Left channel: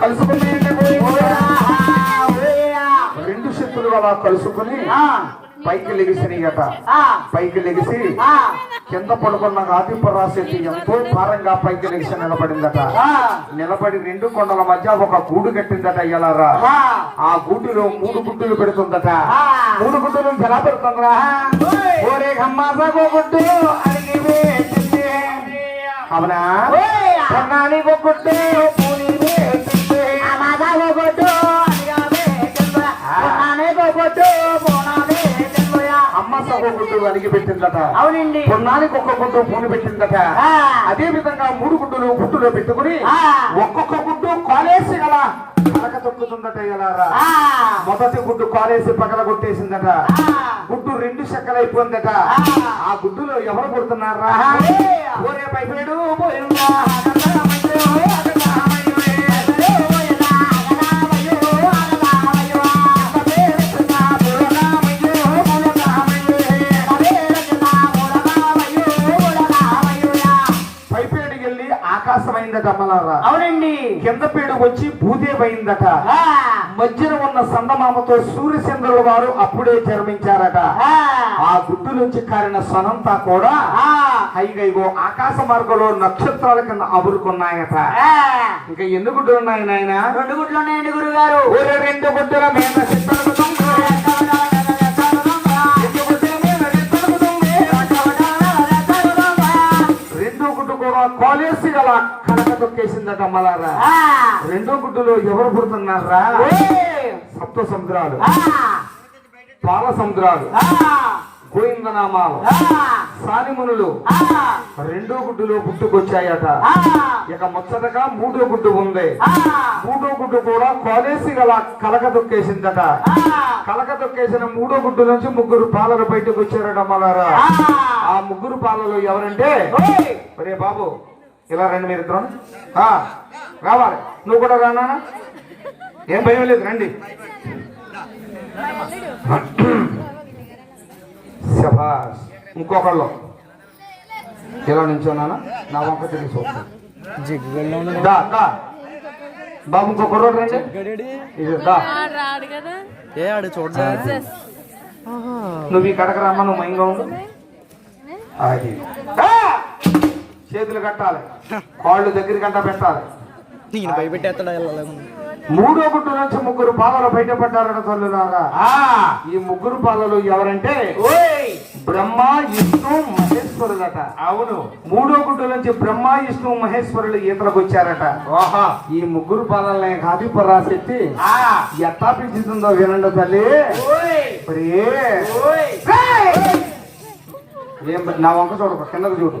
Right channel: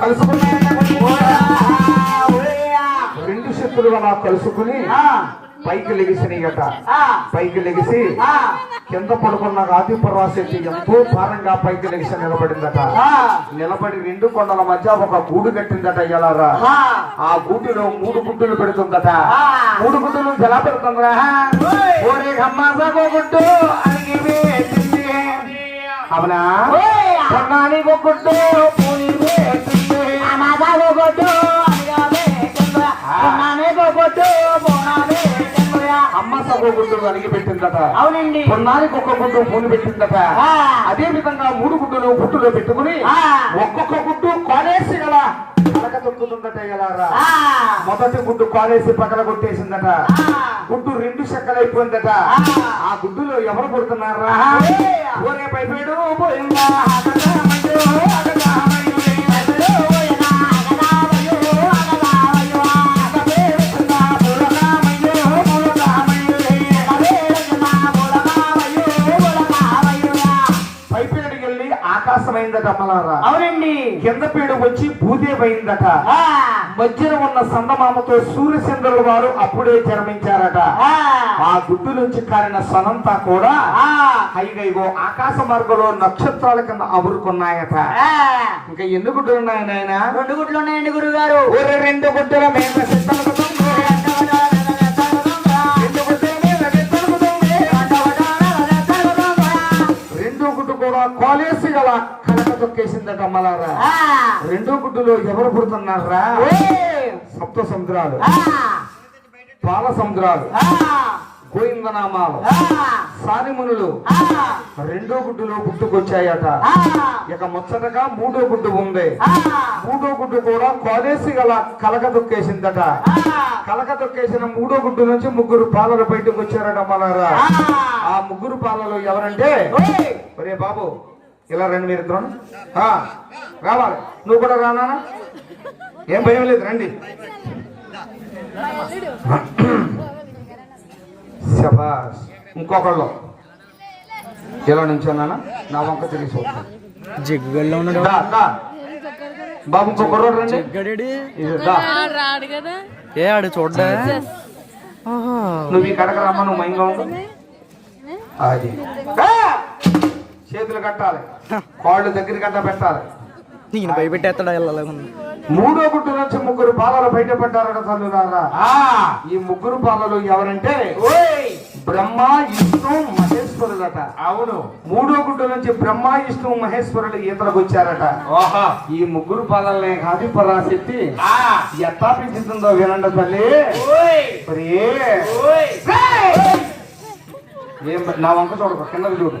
కలుసుకుని రెండు శక్తులు అలా కలుసుకుని పైకి లెగిసినాయట పైకి లెగిసి కింద పడుకున్న ఆదిపరాశక్తి ఎంతో భారంగా పైకి లెగిసి నిలబడిందట. నిలబడి రెండు కొండల మధ్య ఒక గూడు కట్టిందట ఎలారా? ఆ. గూటిలో మూడు గుడ్డులు పెడుతుందట. మూడు గుడ్డులు ఎలా పెడుతుందా గుడ్డు. అవునా? ఒక గుడ్డు గుడ్డు అడిగి పెట్టిందట అవునండి కొన్నానికి ఒక్క గుడ్డు పూని పెట్టిందట. అదే విధంగా మూడు గుడ్డులు గుడ్డులో పెట్టుకుని. ఒక్కొక్క గుడ్డు కాలేసి గల కలక తొక్కుతుందట ఎలారా ఆ. మొదటి గుడ్డు కాలేసి పక్కన కొట్టేసిందట. గుడ్డు రెండు చెక్కలైపోయిందట ఆ. ఆ గుడ్డులో ఎవరు పుడుతున్నారా. ఒరే పైపేడు పోయిందా ఆకాశమైందట అమ్మలారా అవునండి కింద పేడు వచ్చి భూదేవైందట. మధ్యన ఉన్న సందమామతో సూర్యచంద్రుల వారు అప్పుడే జన్మించారట ఆ. గుడ్డు నుంచి కారిన సనంతా కూడా. హైగైగో ఆకాశ మార్గంలో నక్షత్రాల కింద అబురుకున్నాయట. ఇంకా ఎన్ని గుడ్డులు ఉన్నాయి నాయన రెండు గుడ్లు ఉన్నాయండి గురుగారు రెండు గుడ్డుల మీద అమ్మలారా. రెండో గుడ్డులో ఎవరు పుడుతున్నారా. సప్త సముద్రాలు. పాల సముద్రాలు. గోవిందనామాలు ఆ. రెండో గుడ్డులో పుట్టుకొచ్చాయట ఆ. ఇక ముచ్చటగా మూడో గుడ్డు ఉంది. మూడో గుడ్డు కూడా కాలేసి గల కలక తొక్కేసిందట ఆ. కలక తొక్కేసిన మూడో గుడ్డు నుంచి ముగ్గురు పాలలు బయటకు వచ్చారట మళ్ళారా ఆ. ముగ్గురు పాలలు ఎవరంటే. ఒరే బాబు ఇలా రండి మీరు ఇద్దరు. రావాలి. నువ్వు కూడా రానా ఏం భయం లేదు రండి. శభాష్ ఇంకొకళ్ళు. ఇలా నుంచున్నానా నా వంక తెలిసి బాబు ఇంకొకరు రండి. ఏ ఆడు చూడ్డా? నువ్వు ఈ కడక రమ్మ నువ్వు మైంగా ఉండు. అది! చేతులు కట్టాలి. కాళ్ళు దగ్గర గంట పెట్టాలి. మూడో గుట్టు నుంచి ముగ్గురు పాలలు బయటపడ్డారట తల్లులారా. ఈ ముగ్గురు పాలలు ఎవరంటే బ్రహ్మ విష్ణు మహేశ్వరులట. అవును. మూడో గుడ్డు నుంచి బ్రహ్మ విష్ణు మహేశ్వరులు ఈతలకు వచ్చారట. ఈ ముగ్గురు పాలలనే కాదు పరాశక్తి. ఎట్లా పెంచుతుందో వినండి తల్లి. ఏం నా వంక చూడకు కిందకు చూడు.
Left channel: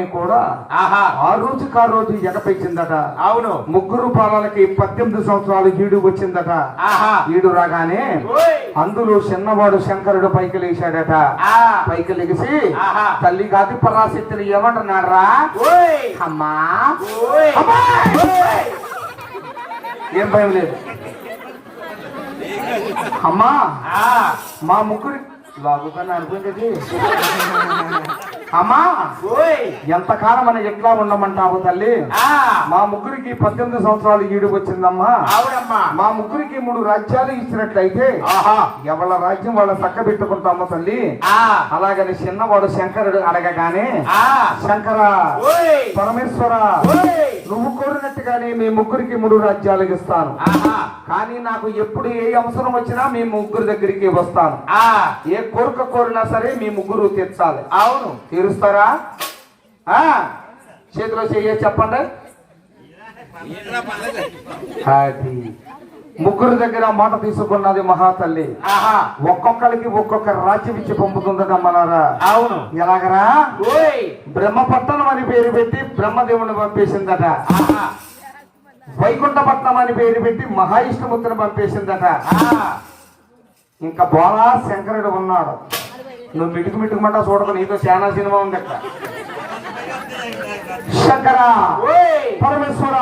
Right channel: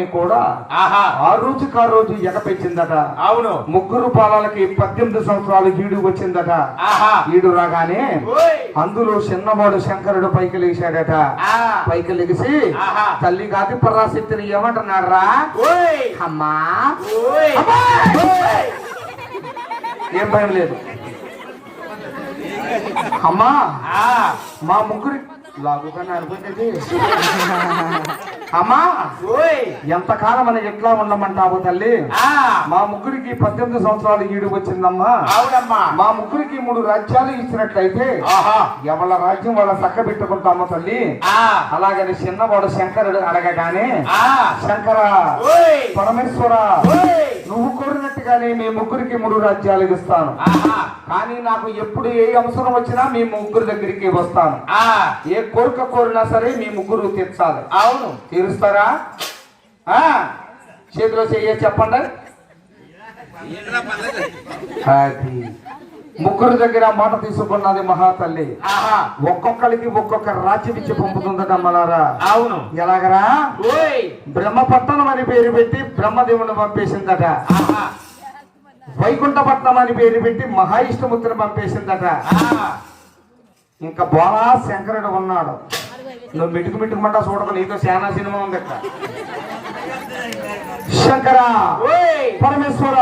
పాలల్ని కూడా ఆ రోజుకి ఆ రోజు ఎగపెచ్చిందట అవును. ముగ్గురు పాలలకి పద్దెనిమిది సంవత్సరాలు ఈడు వచ్చిందట. ఆహా. ఈడు రాగానే. అందులో చిన్నవాడు శంకరుడు పైకి లేచాడట. పైకి లెగిసి. తల్లి కాదు పరాశక్తిని ఏమంటున్నారా ఓయ్. అమ్మా! ఏం భయం లేదు. అమ్మా. మా ముగ్గురి లాగుకన్నా అనుకుంటే అమ్మా! ఓయ్! ఎంతకాలం మనం ఎట్లా ఉండమంటావు తల్లి? ఆ! మా ముగ్గురికి పద్దెనిమిది సంవత్సరాలు ఈడు వచ్చిందమ్మా. మా ముగ్గురికి మూడు రాజ్యాలు ఇచ్చినట్లయితే ఆహా! ఎవళ్ళ రాజ్యం వాళ్ళ చక్క పెట్టుకుంటామా తల్లి. ఆ! అలాగని చిన్నవాడు శంకరుడు అడగగానే ఆ! శంకర ఓయ్! పరమేశ్వర ఓయ్! నువ్వు కోరినట్టుగానే మీ ముగ్గురికి మూడు రాజ్యాలు ఇస్తాను. కానీ నాకు ఎప్పుడు ఏ అవసరం వచ్చినా మీ ముగ్గురు దగ్గరికి వస్తాను. ఆ. ఏ కోరిక కోరినా సరే మీ ముగ్గురు తీర్చాలి. అవును. తీరుస్తారా? ఆ. చేతిలో చెయ్య చెప్పండి. అది. ముగ్గురు దగ్గర మాట తీసుకున్నది మహాతల్లి. ఆహా. ఒక్కొక్కరికి ఒక్కొక్క రాజ్యం ఇచ్చి పంపుతుందట మలారా అవును. ఎలాగరా? ఓయ్. బ్రహ్మపట్నం అని పేరు పెట్టి బ్రహ్మదేవుని పంపేసిందట. వైకుంఠపట్నం అని పేరు పెట్టి మహావిష్ణుమూర్తిని పంపేసిందట. ఇంకా బోలా శంకరుడు ఉన్నాడు. నువ్వు మిటుకు మిటుకుమంటా చూడకు నీతో చాలా సినిమా ఉంది శంకర ఓయ్! పరమేశ్వర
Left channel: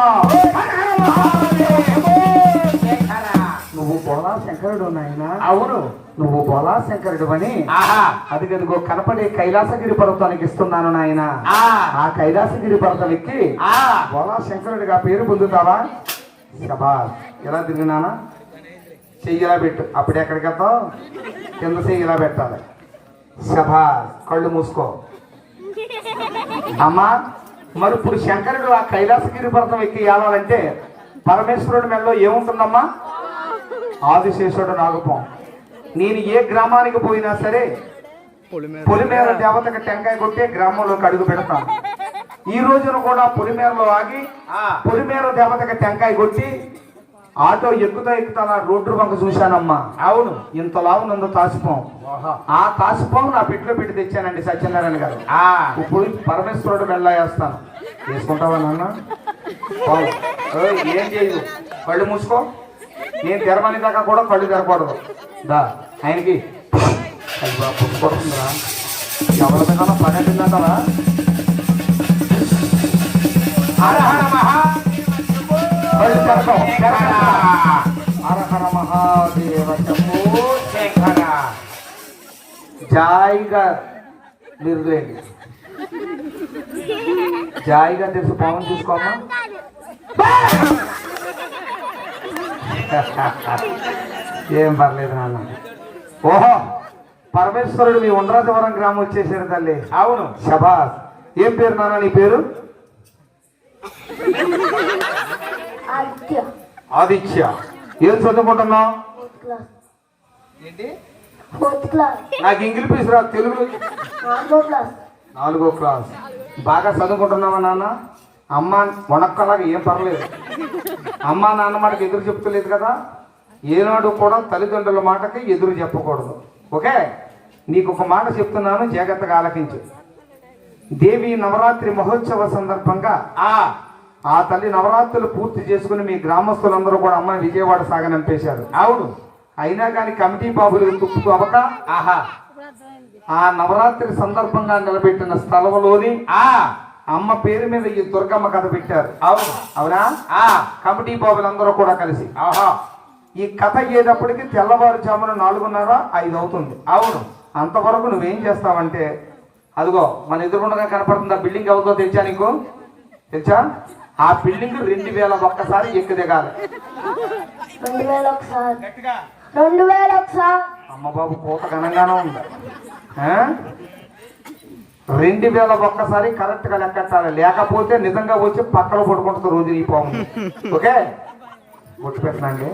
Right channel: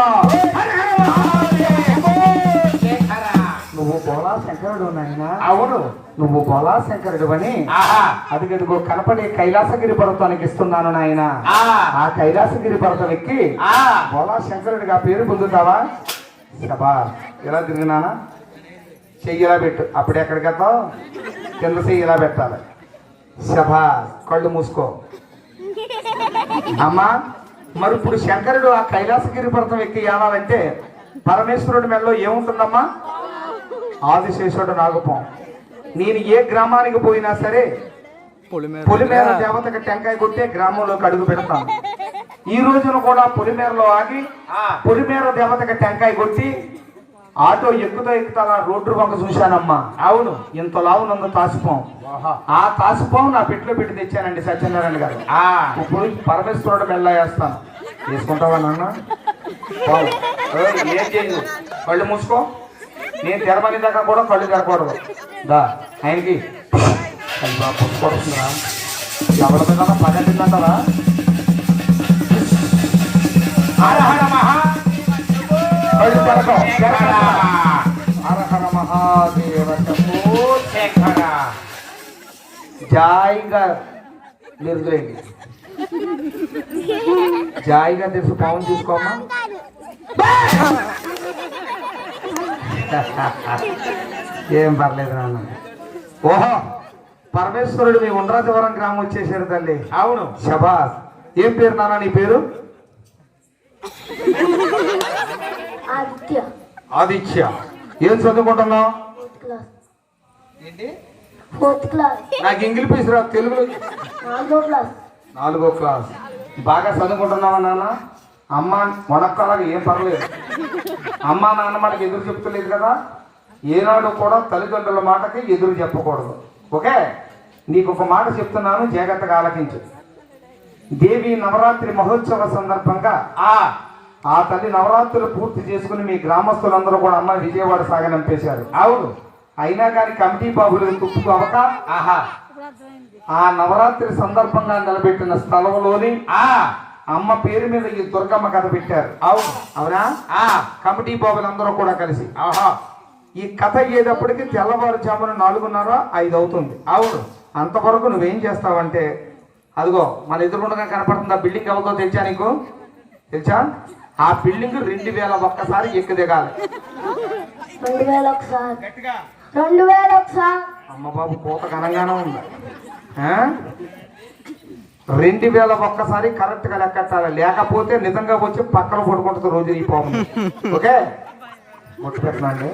నువ్వు బోలా శంకరుడు అని ఆహా. అది గదిగో కనపడే కైలాసగిరి పర్వతానికి ఇస్తున్నాను నాయన. ఆ. కైలాసగిరి పర్వతం ఎక్కి ఆ. బోలా శంకరుడిగా పేరు పొందుతావా? శబా. ఎలా తిరిగినానా చెయ్యి ఇలా పెట్టు. అప్పుడు ఎక్కడికి వెళ్తావు? కింద చెయ్యి ఇలా పెట్టాలి. శబా కళ్ళు మూసుకో. అమ్మా మరి ఇప్పుడు శంకరుడు ఆ కైలాసగిరి పర్వతం ఎక్కి ఏడాలంటే పరమేశ్వరుడి మెడలో ఏముంటుందమ్మా? ఆదిశేషుడు నాగపం. నేను ఏ గ్రామానికి పోయినా సరే పొలిమేర దేవతకి టెంకాయ కొట్టే గ్రామంలోకి అడుగు పెడతాను. ఈ రోజున కూడా పొలిమేరలో ఆగి ఆ. పొలిమేర దేవతకి టెంకాయ కొట్టి ఆటో ఎక్కుతా ఎక్కుతా రోడ్డు వంక చూశానమ్మా. అవును. ఇంత లావు నందు కాసిపోం ఆ కాసిపోం నా పెట్టులో పెట్టి తెచ్చానండి సత్యనారాయణ గారు. ఆ. ఇప్పుడు పరమేశ్వరుడు మెల్ల వేస్తాను. వేసుకుంటావా నాన్న? ఏం చేయదు కళ్ళు మూసుకో. నేను తెరమని దాకా కూడా కళ్ళు తెరకూడదు దా ఆయనకి. అయ్యా, ఎవరి మీద పని హర జాయిగా నిరులేండి జాయిగా తెలుసు పవన్ చూసుకోమ్మా ఏం పర్లేదు నాన్న. ఓహో పరమేశ్వరుడు మీ ఉండ్రాజవరం గ్రామం వచ్చేసారు తల్లి. అవును. శబాస్. ఏం పేరు నాన్న నీ పేరు? ఆదిత్య. ఆదిత్య. ఏం చదువుకుంటున్నావు? Fourth class. ఏంటి? Fourth class. నాకు ఇంగ్లీష్ రా తెలుగు నాలుగో క్లాస్. బాగా చదువుకుంటున్నావా నాన్న? అమ్మ మొనక్కలాగా ఏం పర్లేదు. అమ్మ నాన్న మాటకి ఎదురు చెప్తలేదు కదా? ఏనాడు కూడా తల్లిదండ్రుల మాటకి ఎదురు చెప్పకూడదు. ఓకే? నీకు ఒక మాట చెప్తున్నాను జాగ్రత్తగా ఆలకించు. దేవి నవరాత్రి మహోత్సవ సందర్భంగా ఆ ఆ తల్లి నవరాత్రులు పూర్తి చేసుకుని మీ గ్రామస్తులందరూ కూడా అమ్మ విజయవాడ సాగనంపేశారు అవును. అయినా కానీ కమిటీ బాబులకు తుప్పుకు అవక? ఆహా. ఆ నవరాత్రి సందర్భంగా నిలబెట్టిన స్థలంలోని ఆ. అమ్మ పేరు మీద ఈ దుర్గమ్మ కథ పెట్టారు. అవును. అవునా? ఆ. కమిటీ బాబులందరూ కూడా కలిసి. ఆహా. ఈ కథ అయ్యేటప్పటికి తెల్లవారుజామున నాలుగున్నర ఐదు అవుతుంది. అవును. అంతవరకు నువ్వేం చేస్తావంటే అదిగో మన ఎదురుగుండగా కనపడుతుంది ఆ బిల్డింగ్ అవుతో తెచ్చా నీకు? తెచ్చా ఆ బిల్డింగ్ రెండు వేల ఒక్కసారి ఎక్కి దిగాలి. రెండు వేల ఒకసారి గట్టిగా. రెండు వేల ఒకసారి అమ్మ బాబు కోత ఘనంగానే ఉంది? రెండు వేల ఒక్కసారి కరెక్ట్గా లెక్కెట్టాలి లేకపోతే నిజంగా వచ్చి పక్కన పడుకుంటుంది రోజు ఈ పౌర్ణమి ఓకే? ముట్టు పెట్టనండి